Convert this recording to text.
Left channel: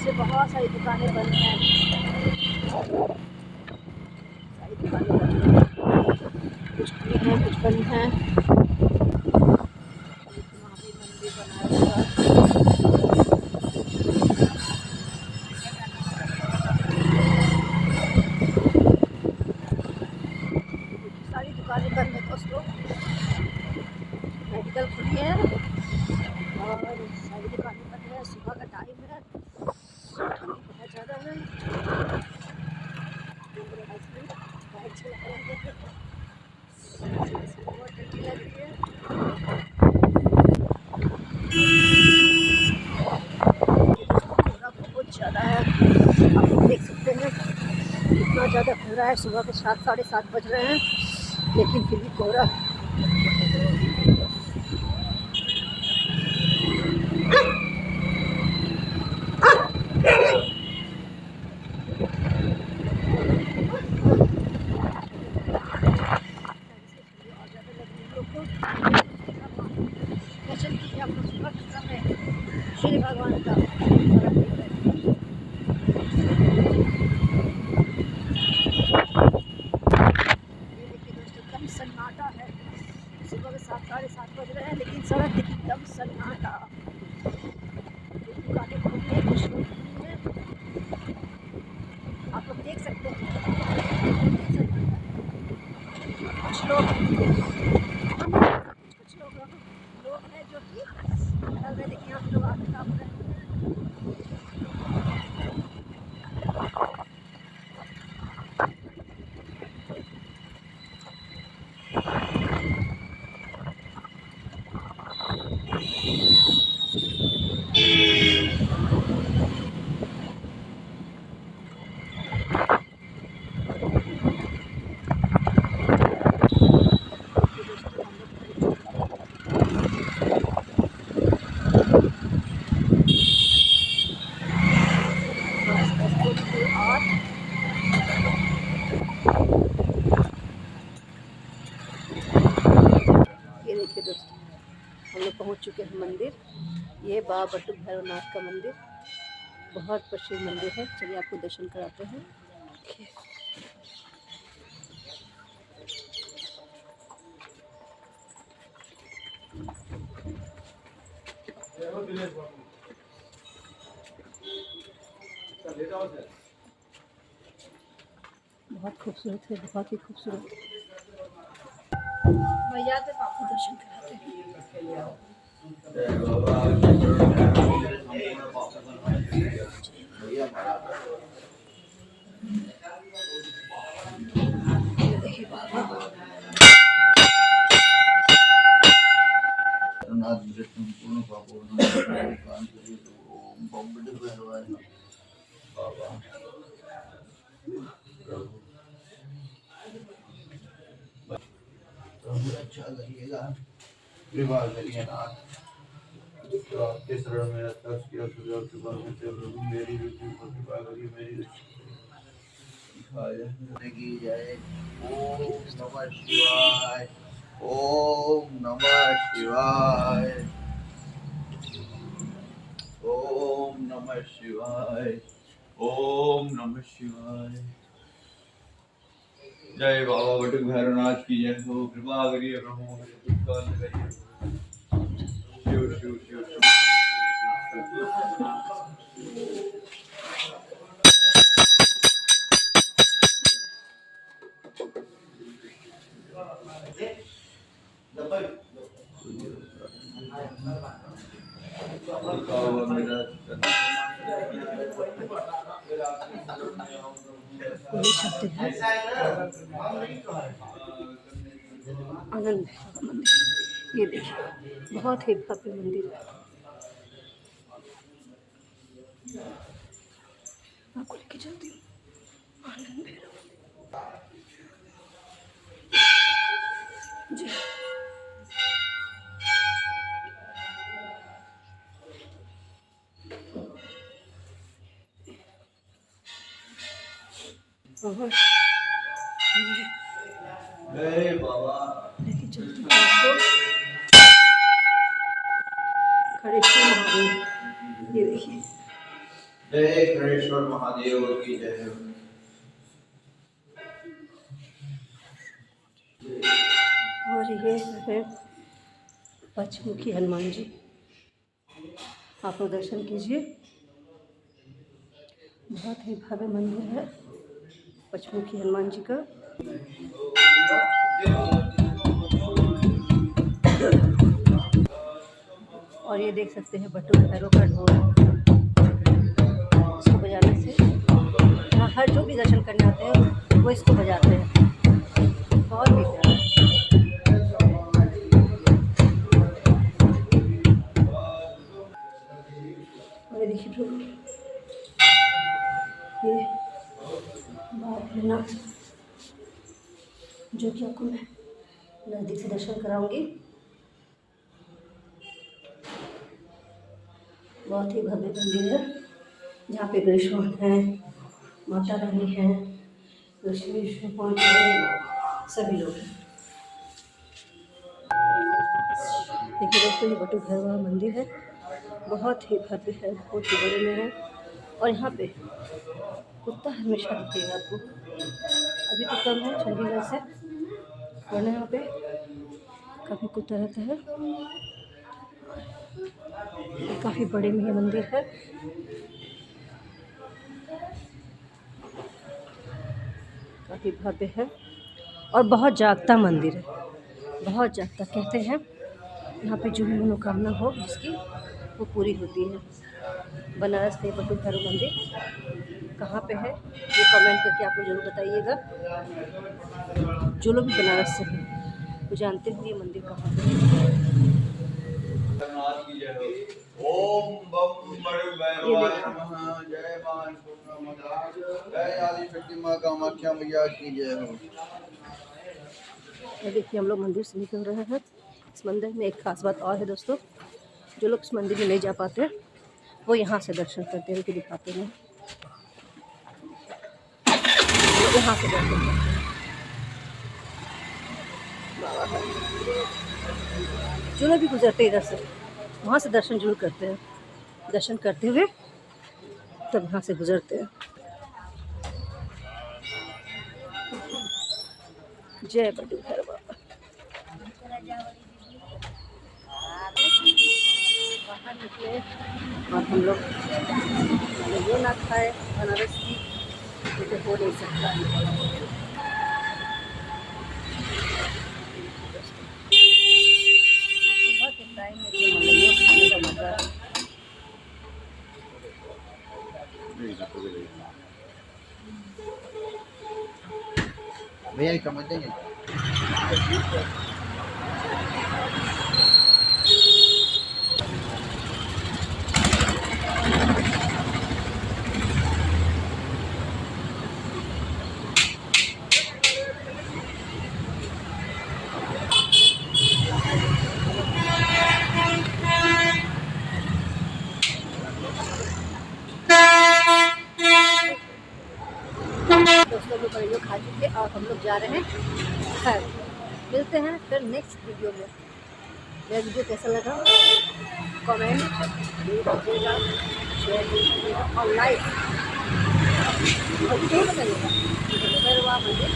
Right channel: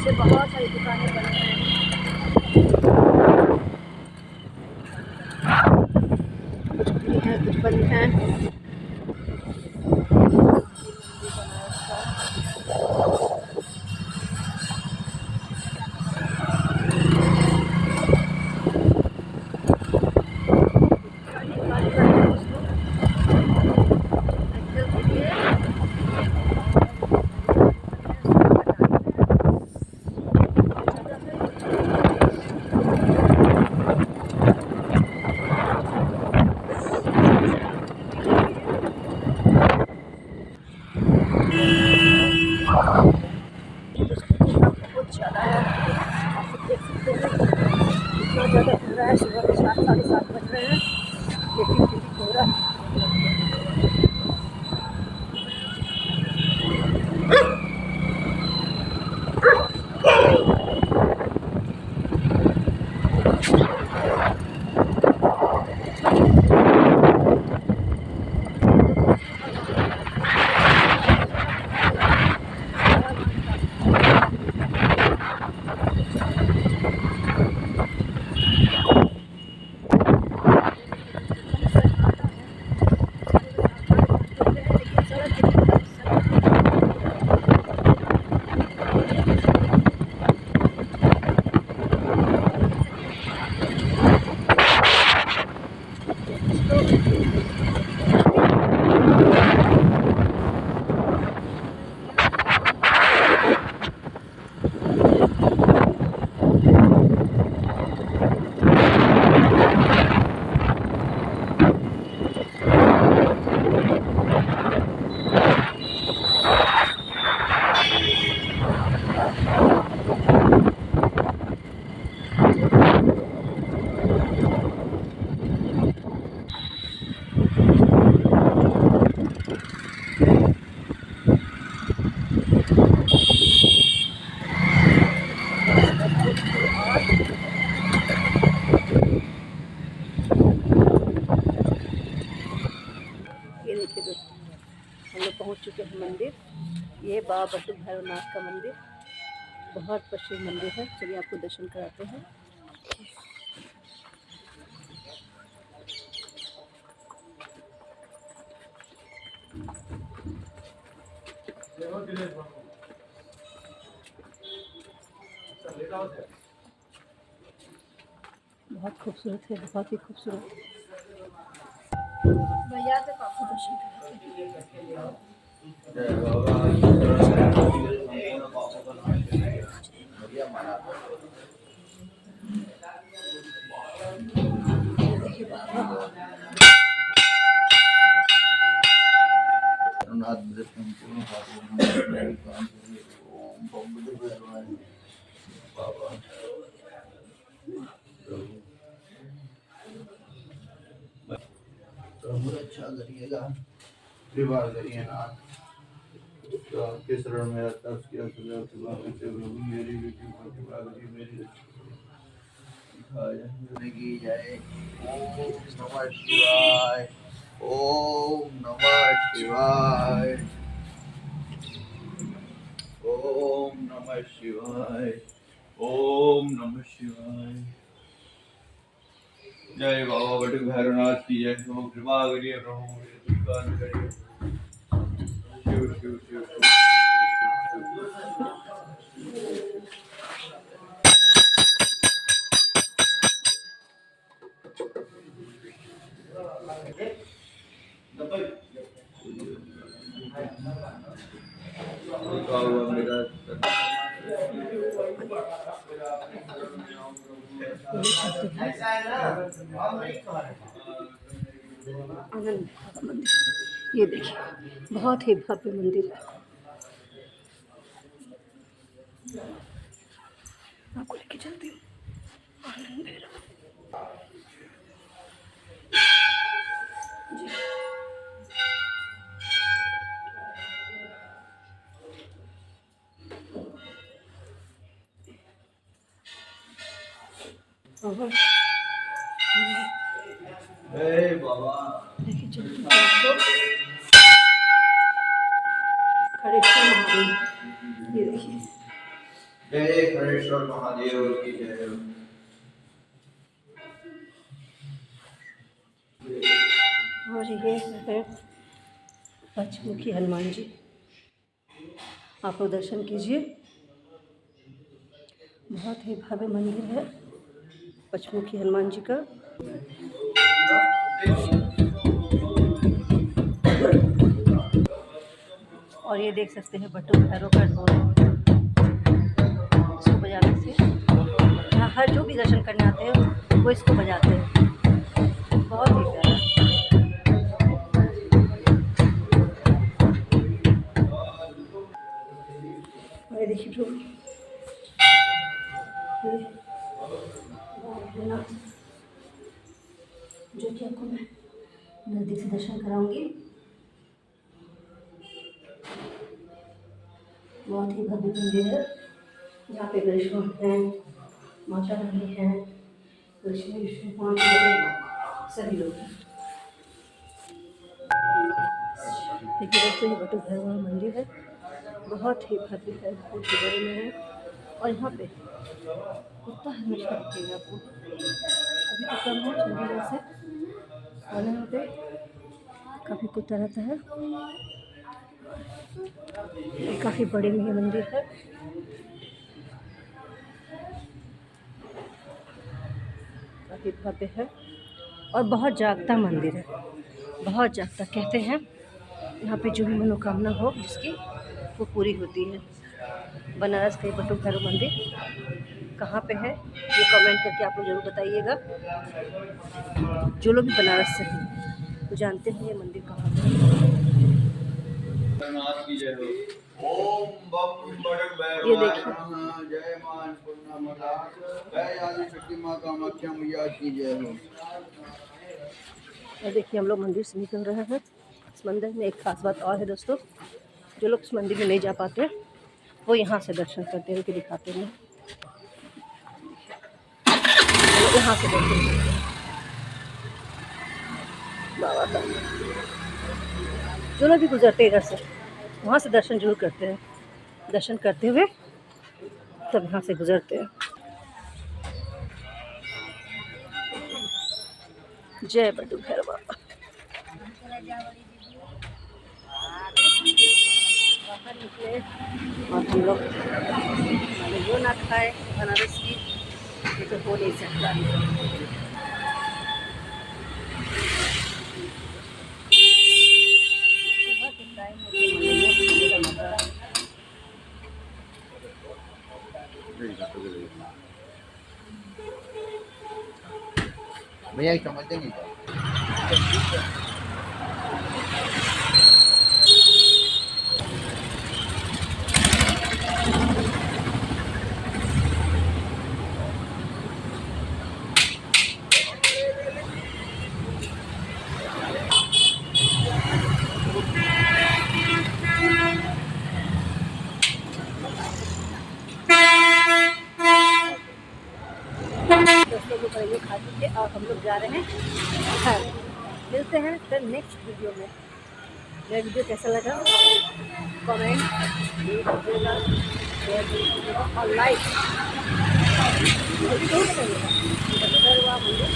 से बहुत सारी दुकानें बंद हैं, कुछ खुली हैं कुछ बंद हैं। मंदिर बनाया सारी दुकानें बंद हैं दोस्तों, मेडिकल खुली है और सारी दुकानें बंद हैं। सुबह का टाइम है, ज़्यादा है। बहुत ज़्यादा है, आप लोग देख सकते हैं इतना ज़्यादा कोहरा है। सुबह के 7 साढ़े 7 बज रहे हैं लेकिन फिर भी कोहरा। ये देखिए दोस्तों, हम लोग पहुंच चुके हैं मंदिर। ये बाबा बटुक भैरवनाथ का मंदिर बहुत प्रसिद्ध मंदिर है। चलिए आपको दर्शन कराते हैं। बहुत खूबसूरत है, बहुत ही खूबसूरत। भैया से आपको दर्शन कराते हैं। देखिए बाबा अच्छा करिएगा, विवाह करिए ना तो आपके शरण में दस की कृपा मेरी कृपा करिए, मेरी की जय। ओम नमः शिवाय, ओम नमः शिवाय, ओम नमः शिवाय, ओम नमः शिवाय। जय बाबा बटुक भैरवनाथ की जय हो। कृपा करिए प्रभु, मेरे दुख का अंत करिए। शिव शिव शिव शिव। आनंद का मंदिर, ये देखिए बहुत ही भव्य मंदिर है। आपको लेके चलती हूँ आनंद भैरव जी। और लेके चलती हूँ आपको खड़ेश्वर महादेव। ये देखिए जय खड़ेश्वर महादेव की जय। और ये है पंचमुखी हनुमान जी, आप लोग दर्शन कीजिए। बहुत ही भव्य मंदिर है पंचमुखी हनुमान जी का। और ये देख सकते हैं बटुक भैरव का ढोल, इसको बजाने से यहाँ हर जो भी दर्शन करने आते हैं वो इसको बजाते हैं। बहुत ही प्यारा है। और ये देखिए प्रभु, ये भोलेनाथ जो कि आपको मैं नज़दीक से दर्शन कराऊंगी। बहुत ही भव्य मंदिर है जहाँ पे गणेश भगवान हैं, माता रानी हैं, लक्ष्मी विष्णु सभी लोग हैं। देखिए दोस्तों, ये बटुक भैरव मंदिर है, बहुत ही भव्य है, बहुत ही बड़े में है। और यहाँ पे कुत्ता हमेशा दिखेगा आपको। अभी तो कम है चंडीगढ़ से, और यहाँ पे काफ़ी कुत्ता रहता है। ये काफ़ी बड़े में मंदिर है। काफ़ी भव्य है और बहुत जागता मंदिर है, बहुत जागता। कहते हैं यहाँ पे जो भी मनोकामना हो जिसकी वो पूरी होती है। बनारस का ये बटुक भैरव मंदिर कहाँ पे है ये कमेंट करके आप लोग जरूर बताइएगा। जो लोग भी बनारस से हैं वो जानते हैं ये मंदिर कहाँ पे है। ओम बम बड़े भैरवाय नमः। जय मां अन्नपूर्णा, जय आदि शक्ति मां कामाख्या मैया की जय हो। और देखिए हम लोग मंदिर से निकल रहे हैं। इस मंदिर में एक खास बात और है दोस्तों, जो लोग इस मंदिर में नहीं जा पाते वो यहाँ से दर्शन करते हैं, दिखाते हैं। तो यहाँ से दर्शन करते हैं बाबा का। जो लोग भी गुजरते इधर से वहाँ से दर्शन जरूर करते हैं। दर्शन करते हुए तब यहाँ से गुजरते हैं। जय बटुक भैरव बाबा। बाहर निकले और हम लोग जो ना खाए बनारस की, ये तो हो नहीं सकता। सुबह के टाइम में तो मलाइयों खाने का मजा है। भैया समझ देंगे क्या? दोस्तों लोग मलाइयों खा चुके और हम लोग जा रहे हैं घर। मिलते हैं फिर नेक्स्ट वीडियो में। मेरा वीडियो कैसा लगा कमेंट कीजिएगा, शेयर कीजिएगा और लाइक जरूर करिएगा। मंदिर